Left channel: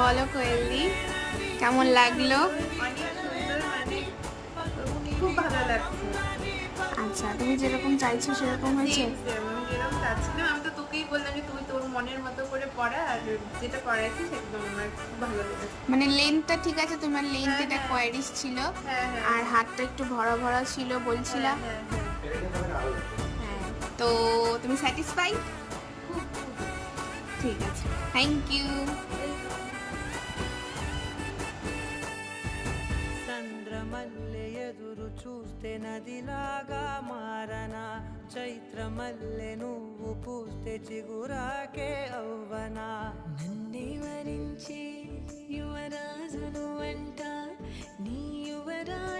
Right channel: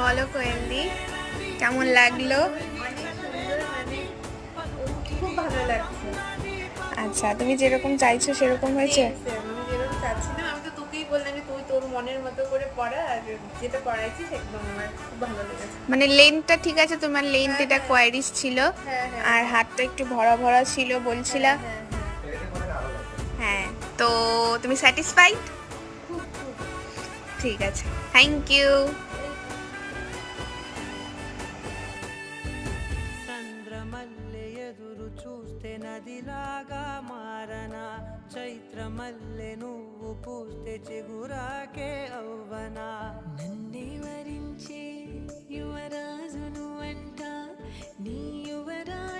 বলো কোয়েলদি, কেমন লাগলো? খুব ভালো লাগছে। আচ্ছা, তুমি যেরকম চাইছো সেরকম হয়েছে? আমি যেরকম চাচ্ছিলাম, আমি তো তোকেই বললাম যে তুই তোর মনের মতো করে পড়া, আর যেটা করাইছিস একদম আমার খুব ভালো লেগেছে। মানে লেন্থটা ঠিক আছে? তোমার লেন্থ হ্যাঁ, এটা হ্যাঁ। কোয়ারিস ছিল, হ্যাঁ, হ্যাঁ, আর হ্যাঁ। হাতটা একটু ভরা ভরা ছিল বলছিলা। হ্যাঁ, হ্যাঁ, হ্যাঁ। হ্যাঁ, তো তুমি স্যাটিসফাইড? খুব, খুব। ঠিক আছে, থ্যাংক ইউ। చంద్రమల్లె ఎదురు చూస్తే నదిలాగా మారనా చైత్రమల్లె నువ్వు పూస్తే చిగురాకే అవ్వనా నన్నే వరించి యువరాజును అంట నీ యువరాణి